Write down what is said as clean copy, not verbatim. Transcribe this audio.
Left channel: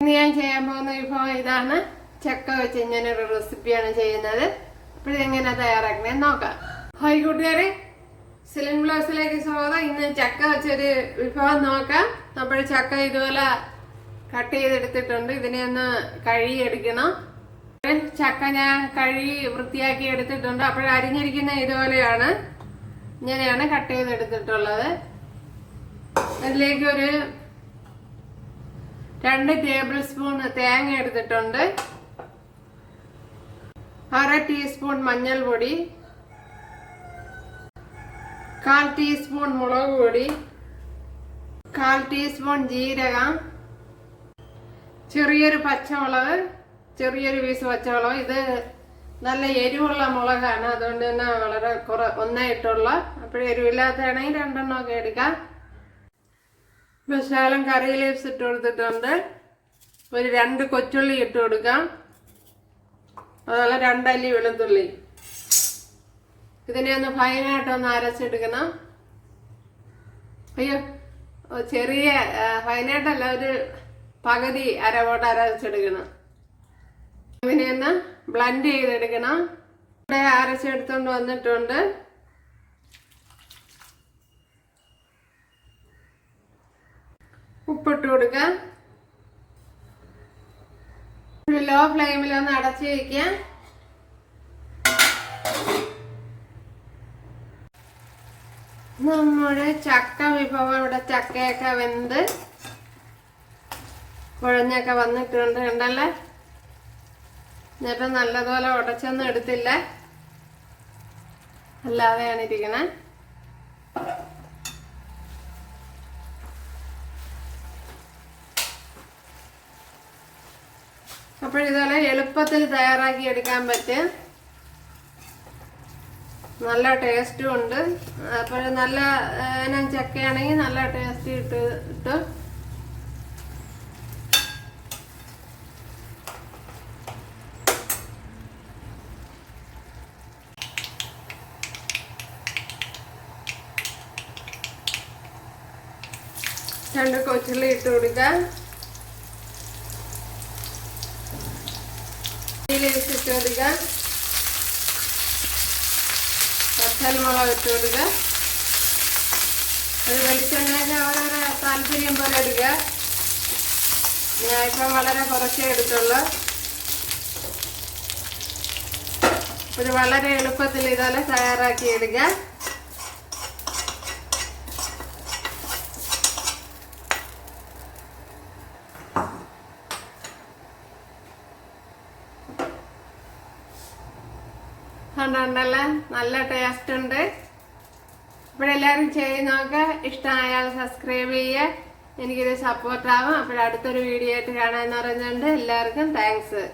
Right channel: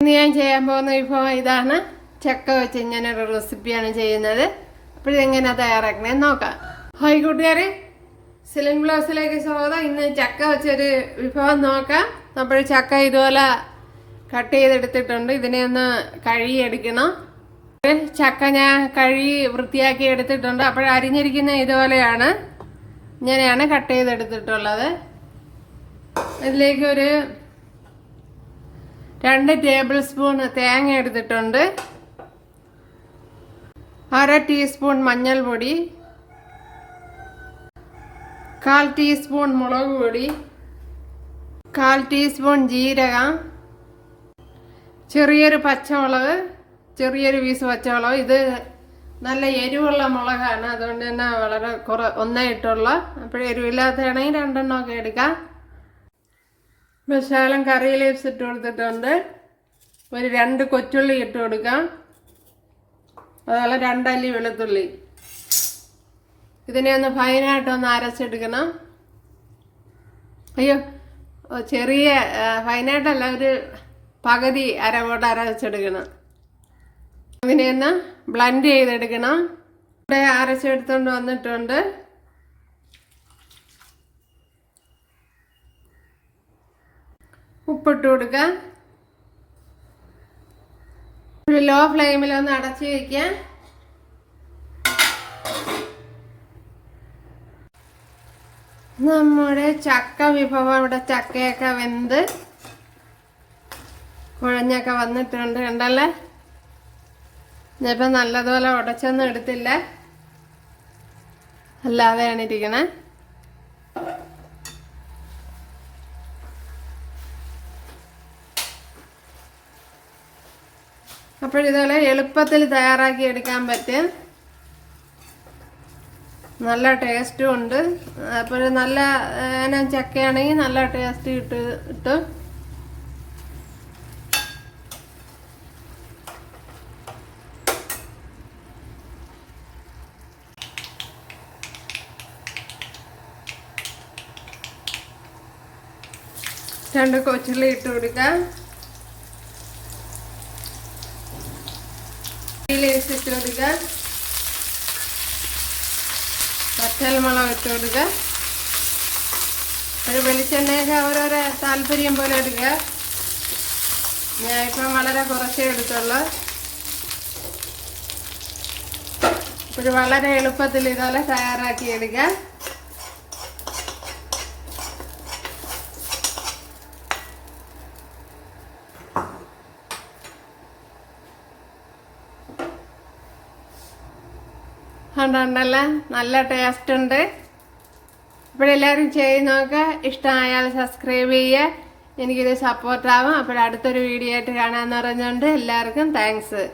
ഇന്ന് ഞാൻ ചെയ്യാൻ പോകുന്ന വിഭവം ഇതാണ്. ചക്ക വെച്ച് ഇങ്ങനൊരു റെസിപ്പിയാണ് ചെയ്യുന്നത്. അപ്പോഴെങ്ങനെ തയ്യാറാക്കണേന്ന് നോക്കാം. ഹായ് കൂട്ടുകാരെ, സിലിൻ ബ്ലൗസിലേക്ക് സ്വാഗതം. ഇന്ന് ചക്ക വെച്ചൊരു വിഭവം നോക്കാം. അപ്പോൾ ചക്ക ഇതുപോലെ കട്ട് ചെയ്തെടുത്തിട്ടുണ്ട്. ഇതിനെ ഒന്ന് കഴുകിയെടുക്കണം. ചക്ക ഞാൻ കഴുകി വൃത്തിയാക്കി എടുത്തിട്ടുണ്ട്. അപ്പോൾ അരിഞ്ഞിരിക്കുന്ന ഇതുപോലെയാണ്, ഇങ്ങനെയാണ് കട്ട് ചെയ്തെടുത്തിട്ടുള്ളത്. അതിലേക്ക് ഒരു 2 ടേബിൾ സ്പൂൺ തേങ്ങ എടുത്തിട്ടുണ്ട്, 1/2 ടീസ്പൂൺ മഞ്ഞൾപ്പൊടി, 1/4 ടീസ്പൂൺ മുളക് പൊടി, 1/4 ടീസ്പൂൺ ജീരകം, ചെറിയൊരു പച്ചമുളക്, ചെറിയൊരു പീസ് പച്ചമുളക്. ഇത് നല്ല എരിവുള്ള മുളകാണ്, അതുകൊണ്ട് തന്നെ വളരെ ഒന്നേ ഇട്ടുള്ള. അപ്പോൾ എരിവില്ലാത്തതാണെങ്കിൽ 2 എണ്ണമൊക്കെ എടുക്കാം. ശകലം കറി ലീവ്സ് ഇട്ട് കൊടുത്തിട്ടുണ്ട്. ഒരു 2 കൊച്ചുള്ളി ഇട്ട് കൊടുക്കാം. അതുപോലെ 2 അല്ലി വെളുത്തുള്ളി. ഇതിനെ ഒന്ന് ഫൈനായിട്ടൊന്ന് അരച്ചെടുക്കണം. അയ്യോ, ചെറിയ ഫൈനായിട്ടല്ല, ഒരു പകുതി അരവോട്ട് അരച്ചെടുക്കണം. ഇതിനെ ഒന്ന് ബ്ലെൻഡ് ചെയ്തെടുക്കണം. ഇവിടെ അരച്ചെടുത്തുകൊണ്ട് വന്നിട്ടുണ്ട്. ഉപ്പിട്ട് കൊടുക്കാം. ഒരു ലോ ഫ്ലെയിമിലൊന്ന് അടച്ചു വയ്ക്കാം. നമ്മുടെ ചക്ക വിഭവം ഇവിടെ ചക്കയൊക്കെ വെന്ത് കുഴഞ്ഞൊക്കെ വന്നിട്ടുണ്ട്, കണ്ടല്ലേ. ഞാനിപ്പം നല്ലതുപോലെ ഉടച്ചൊന്നും എടുത്തില്ല, അല്ലാതെയാണ് ഇരിക്കണേ. അപ്പോൾ ഇതുപോലെ എളുപ്പത്തിൽ തയ്യാറാക്കി എടുക്കാൻ പറ്റും. നല്ല ടേസ്റ്റും ഉണ്ട്. അപ്പോൾ നല്ല ചക്കയാണെങ്കിൽ നല്ല ടേസ്റ്റ് കിട്ടും. രണ്ട് കൊച്ചുള്ളി ഇട്ട് കൊടുക്കാം. ഇട്ട് കൊടുക്കുക. പച്ചമുളക് ഇട്ട് കൊടുക്കുക. ഒരു വെളിച്ചെണ്ണയൊക്കെ ഓരോരോ താല്പര്യം പോലെ എടുക്കുക. ഞാൻ ഇപ്പം വളരെ കുറച്ചേ എടുത്തുള്ളൂ. ഒരു വളരെ എളുപ്പത്തിൽ ഇതുപോലെ തയ്യാറാക്കി എടുക്കുക. കണ്ടല്ല, നല്ല ടേസ്റ്റ് ഉണ്ട്. അപ്പോഴെല്ലാവരും ചെയ്ത് നോക്കുക. ഇഷ്ടമായാൽ സബ്സ്ക്രൈബ് ചെയ്യുക, എനിക്കിത് സപ്പോർട്ടാവും. അപ്പോഴടുത്തൊരു വീഡിയോ ആയിട്ട് കാണാമെന്ന് പറഞ്ഞുകൊണ്ട് എല്ലാവർക്കും താങ്ക്സ്.